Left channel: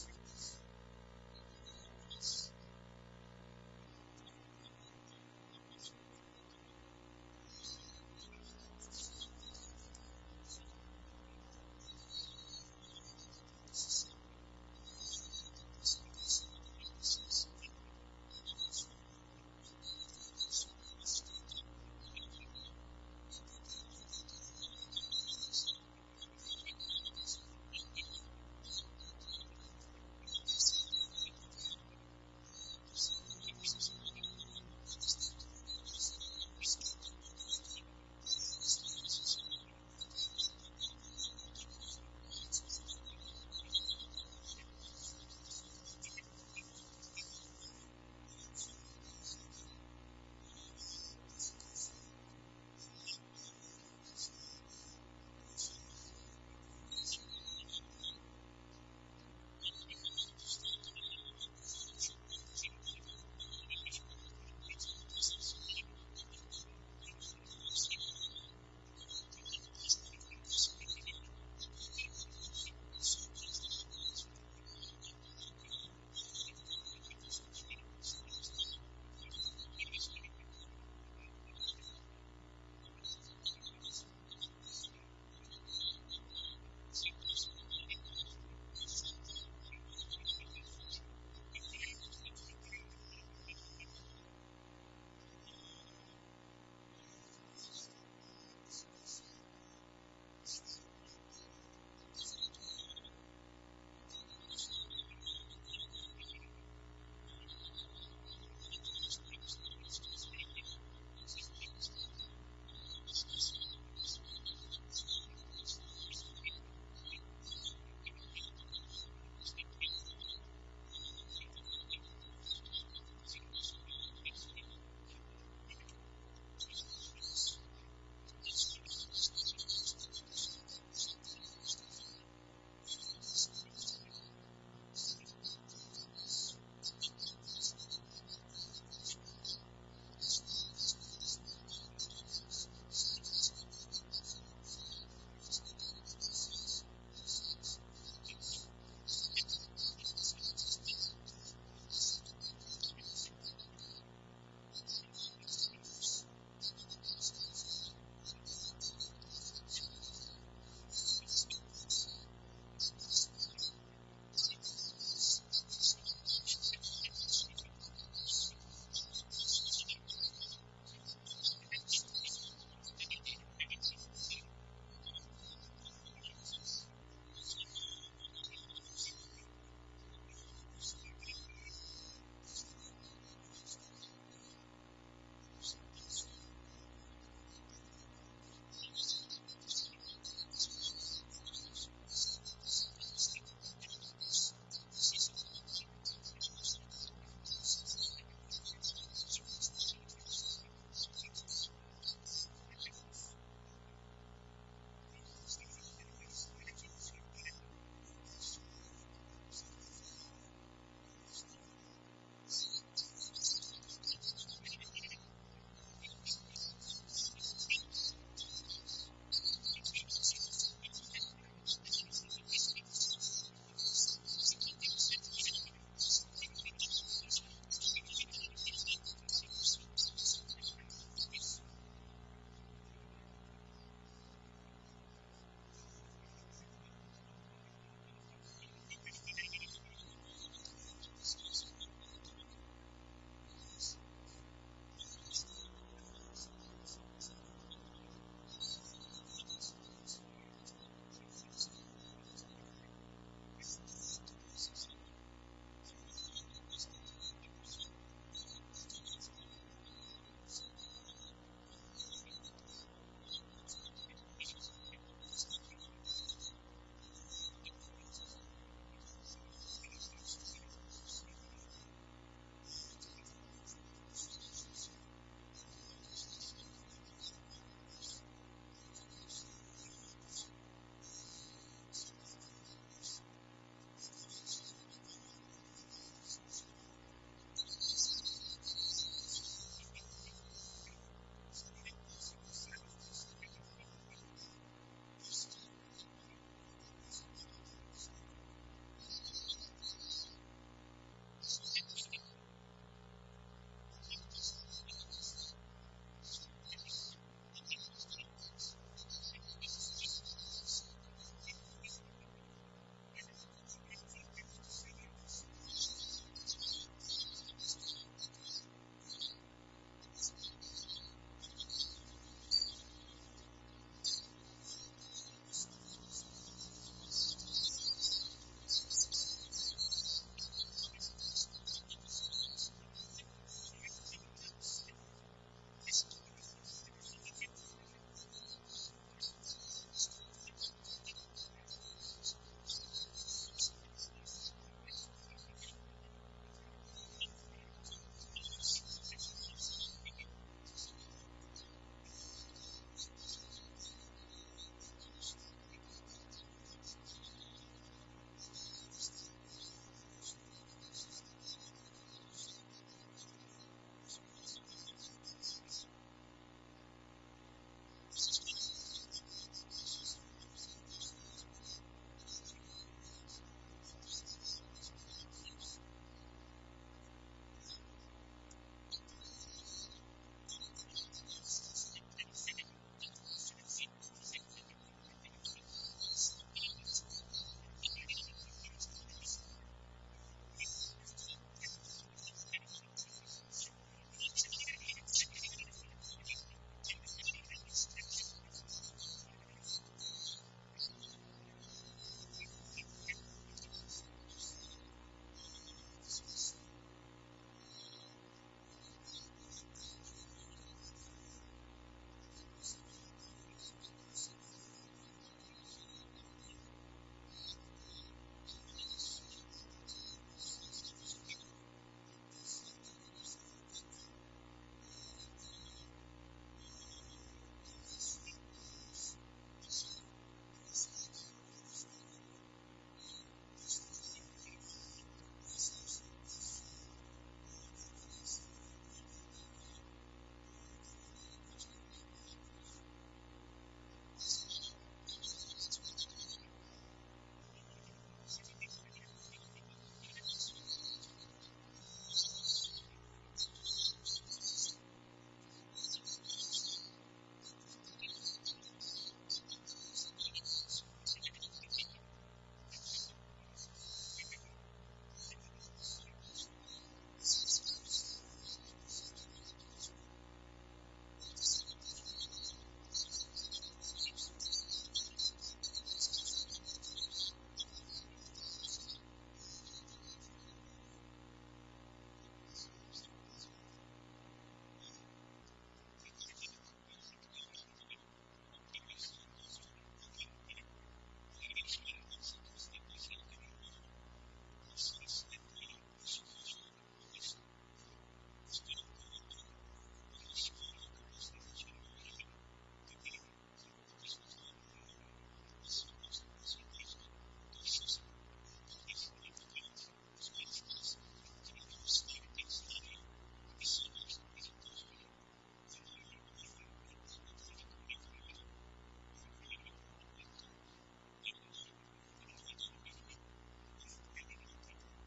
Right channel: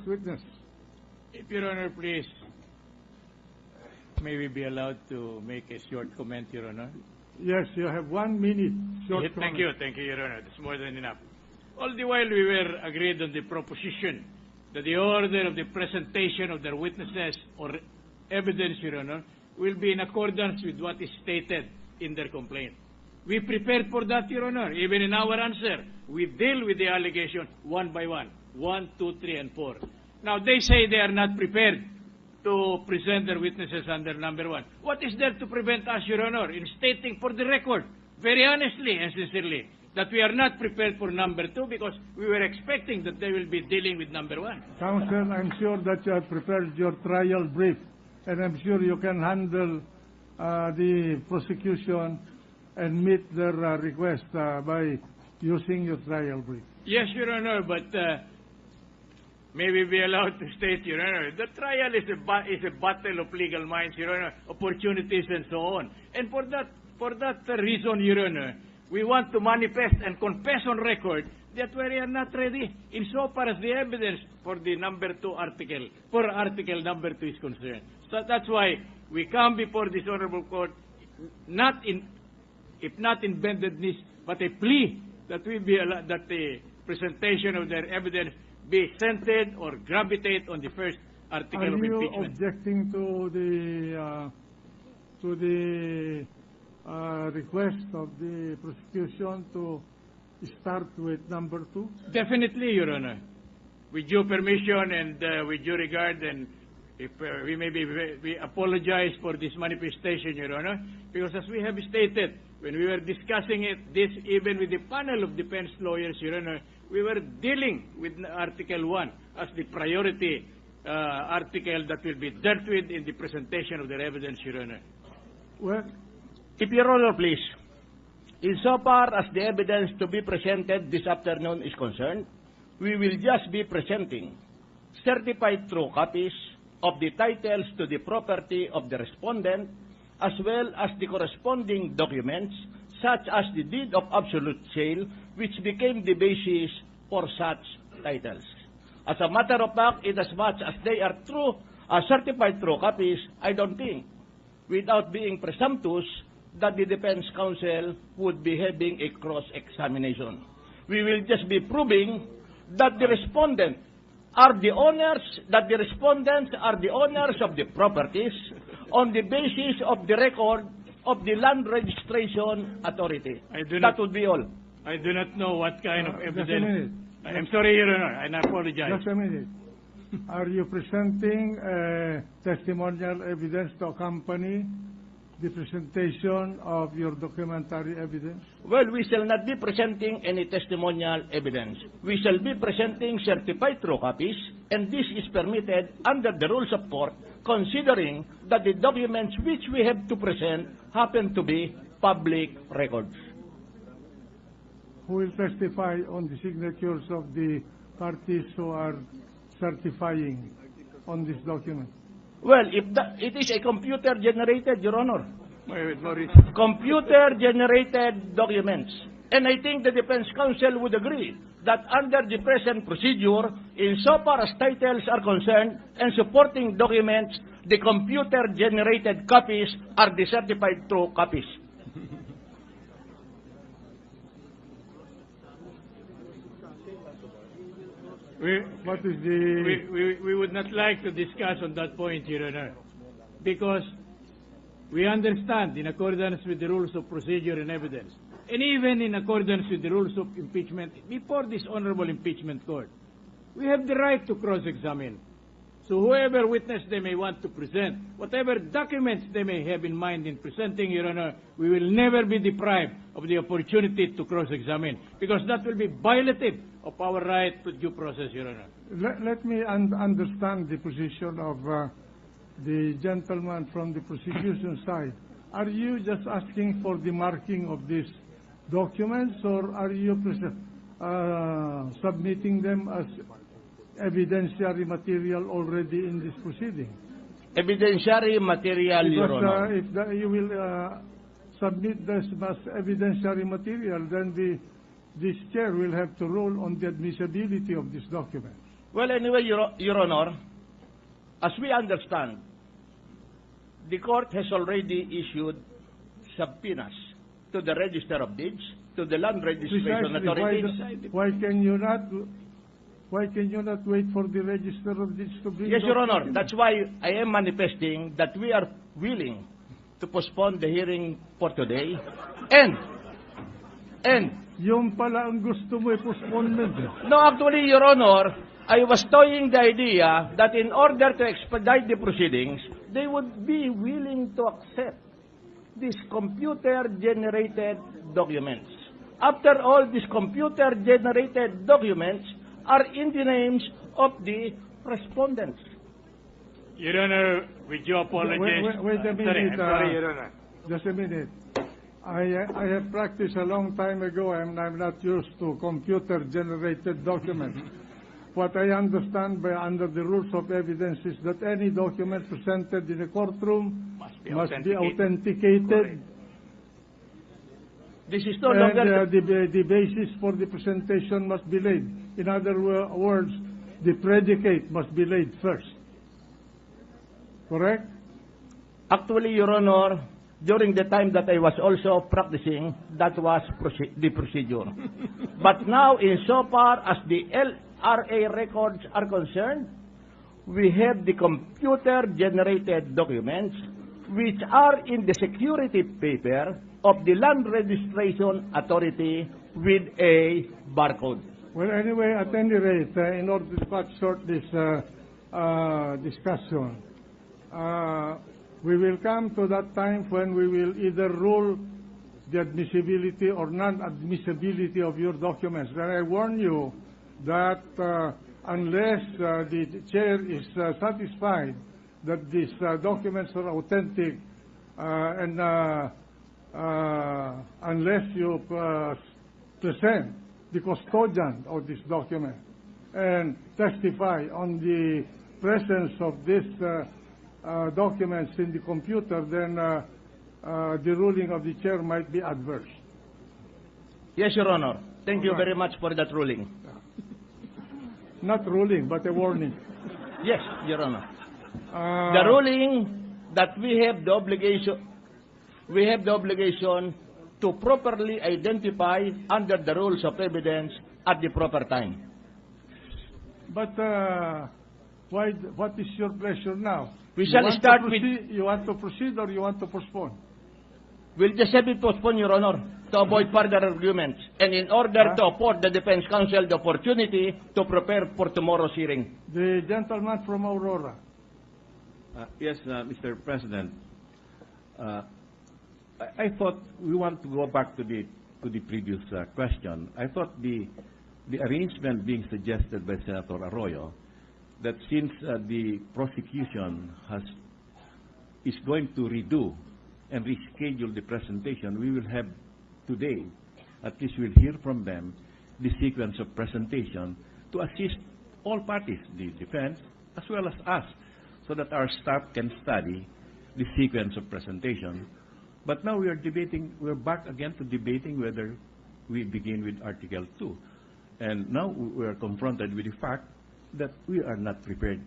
first witness. If Your Honor, please, may we be allowed to make a short comment, Your Honor? Yes, you have 1 minute. Short Thank comment. you, Your Honor. That's more than enough. All the while we were agreed on the proposition that the order of the presentation of their witnesses or evidence, Your Honor, will be in accordance with what is stated in their complaint. We prepared for that, Your Honor. Even in our answer, we deal with the allegation one by one. 1, 2, 3, and 4. Now, they say they are not prepared to present their witnesses under number 1. What is there to prevent us, Your Honor, in stating for the record, very honestly and sincerely, that we are not prepared for number 2 because we were expecting that they will be dealing with number 1. Counsel, I'm sure that you have prepared your trial brief, and I'm sure you can handle the prosecution and meet their request by using your trial brief. Yes, Your Honor, but may we be allowed to state, Your Honor, the trial is a battle of legal minds, Your Honor, opportunities and so on. And for that reason, Your Honor, we want to manifest and confess on record that we are not ready insofar as the evidence for the number 2 article, for article number 2 is concerned. So that's why we come before this honorable court, if not in bended knees, but a plea that we be allowed, that the presentation of their evidence be centered or gravitate on the first article of impeachment. Are you objecting to the request of the prosecution to start with number 2? Definitely, Your Honor. With due permission and with due regard, and if we apologize for this manifestation, Your Honor, because as we have stated, when we were discussing this even with the panel of defense lawyers, Your Honor, we were dealing with Article 1 as the priority article that will be dealt with in the presentation of their evidence, Your Honor. Well, if Your Honor, please, insofar as the evidence to be presented this afternoon is concerned, we will just be presenting certified true copies of the titles to the property of the respondent, as well as the corresponding documents, such as the deed of absolute sale, which became the basis for such titles. As a matter of fact, inasmuch as they are true, certified true copies, I don't think, without being presumptuous, that the defense counsel would be having a cross-examination. We will just be proving that the respondent are the owners, that the respondents are the owners of the properties on the basis of the record of the Land Registration Authority. That would be all. I do not know what kind of evidence. Just a minute. I'm sorry, Your Honor, and I apologize. Just a minute. Are you presenting testimonial evidence to accompany the presentation of your documentary evidence? Well, we shall not be presenting any testimonial evidence. We shall be presenting certified true copies, and this is permitted under the rules of court, considering that the documents which we have to present happen to be public records. Who will testify on the signatures of the parties who are certifying on this document? Well, if it is a computer-generated, Your Honor. Computer-generated documents. And I think the defense counsel would agree that under the present procedure, insofar as titles are concerned and supporting documents, the computer-generated copies are the certified true copies. What is the... We would not like to discuss on that point, Your Honor, because we understand, in accordance with the rules of procedure and evidence, and even in accordance with the rules of impeachment, before this honorable impeachment court, we have the right to cross-examine. So whoever witness they may want to present, whatever documents they may have in mind in presenting, Your Honor, we will never be deprived of the opportunity to cross-examine, because that will be violative of our right to due process, Your Honor. Let me understand the position of the gentleman from the prosecution side. Are you just asking for the marking of these documents, or are you submitting them as evidentiary material already in this proceeding? Evidentiary material, Your Honor. Because if you will submit this as evidentiary material, then this chair will have to rule on the admissibility of this document. Well, anyway, Your Honor, as we understand, the court has already issued subpoenas to the Register of Deeds, to the Land Registration Precisely. Authority. Why can you not wait for the Register of Deeds to bring? Yes, Your Honor. documents? That's why I am manifesting that we are willing to postpone the hearing for today. And Yung pala ang gusto mo postponement. no, actually, Your Honor, I was toying the idea that in order to expedite the proceedings, they would be willing to accept these computer-generated documents. After all, these computer-generated documents are in the names of the respondents. Your Honor, with your apologies. Wait a minute. I'm sorry, Your Honor. Just a minute. I have practiced a long time ago, and I'm not used to computer-generated documents. What I understand under the rules of evidence is that any document presented in a courtroom must be authenticated. This is no longer... And the basis for the presentation must be laid. In other words, the predicate must be laid first. Correct? Actually, Your Honor, during the time that I was also practicing, that was the procedure. But now, insofar as the LRA records are concerned, we have the computer-generated documents which are in the security paper of the Land Registration Authority with a barcode. Well, anyway, at any rate, in order to cut short this discussion, we will come to that time when we will either rule the admissibility or non-admissibility of your documents. And I warn you that unless the chair is satisfied that these documents are authentic, and unless you present the custodian of this document and testify on the presence of these documents in the computer, then the ruling of the chair might be adverse. Yes, Your Honor. Thank you very much for that ruling. Not ruling, but a warning. Yes, Your Honor. The ruling that we have the obligation to properly identify under the rules of evidence at the proper time. But what is your pleasure now? We shall start with... You want to proceed or you want to postpone? We'll just have it postponed, Your Honor, to avoid further arguments, and in order to afford the defense counsel the opportunity to prepare for tomorrow's hearing. The gentleman from Aurora. Yes, Mr. President. I thought we want to go back to the previous question. I thought the arrangement being suggested by Senator Arroyo, that since the prosecution is going to redo and reschedule the presentation, we will have today, at least we'll hear from them, the sequence of presentation to assist all parties, the defense as well as us, so that our staff can study the sequence of presentation. But now we're back again to debating whether we begin with Article 2. And now we are confronted with the fact that we are not prepared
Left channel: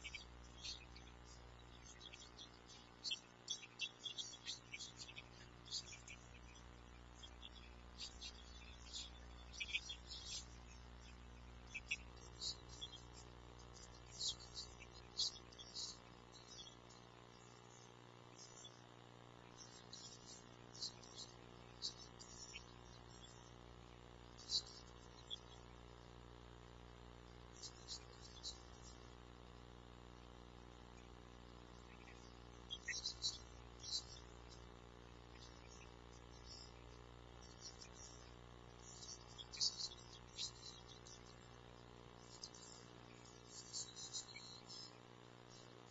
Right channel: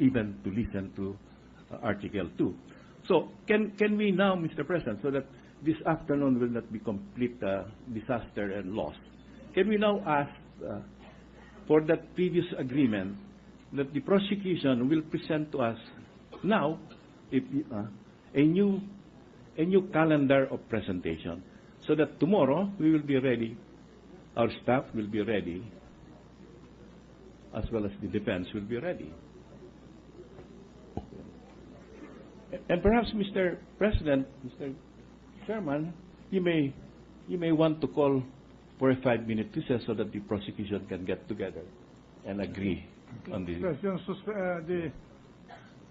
even to listen to Article 2. So can we now, Mr. President, so that this afternoon will not be complete disaster and loss, can we now ask for that previous agreement that the prosecution will present to us now a new calendar of presentation, so that tomorrow we will be ready, our staff will be ready, as well as the defense will be ready. And perhaps, Mr. President, Mr. Chairman, you may want to call for a 5-minute recess so that the prosecution can get together and agree on this. The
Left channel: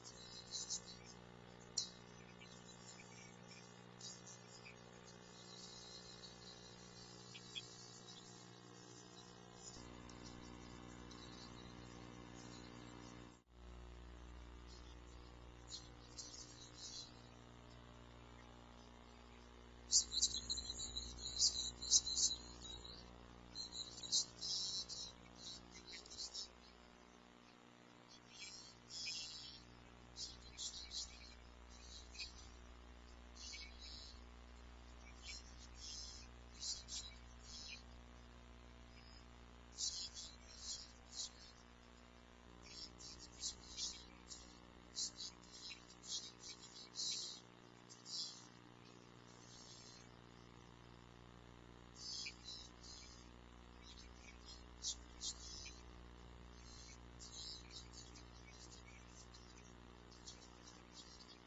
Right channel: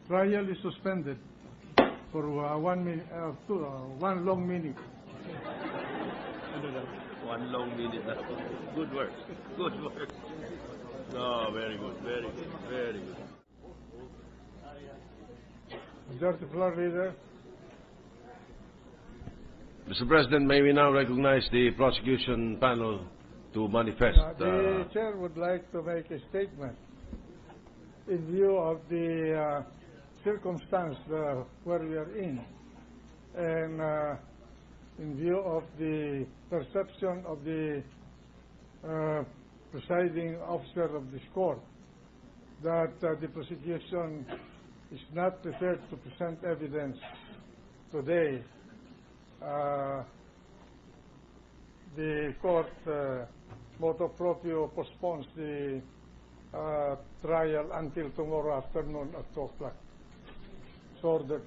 trial is suspended for 1 minute, one long minute. 1 long minute. Good work. Good work. Oh, very good. Very good. Very good. Majority Floor Leader. Mr. President, may we now recognize the prosecution panel to manifest. The chair would like to make a statement. in view of the circumstance where we are in, and in view of the perception of the presiding officer of this court, that the prosecution is not prepared to present evidence today, the court motu proprio postpones the trial until tomorrow afternoon at 2 o'clock. So ordered.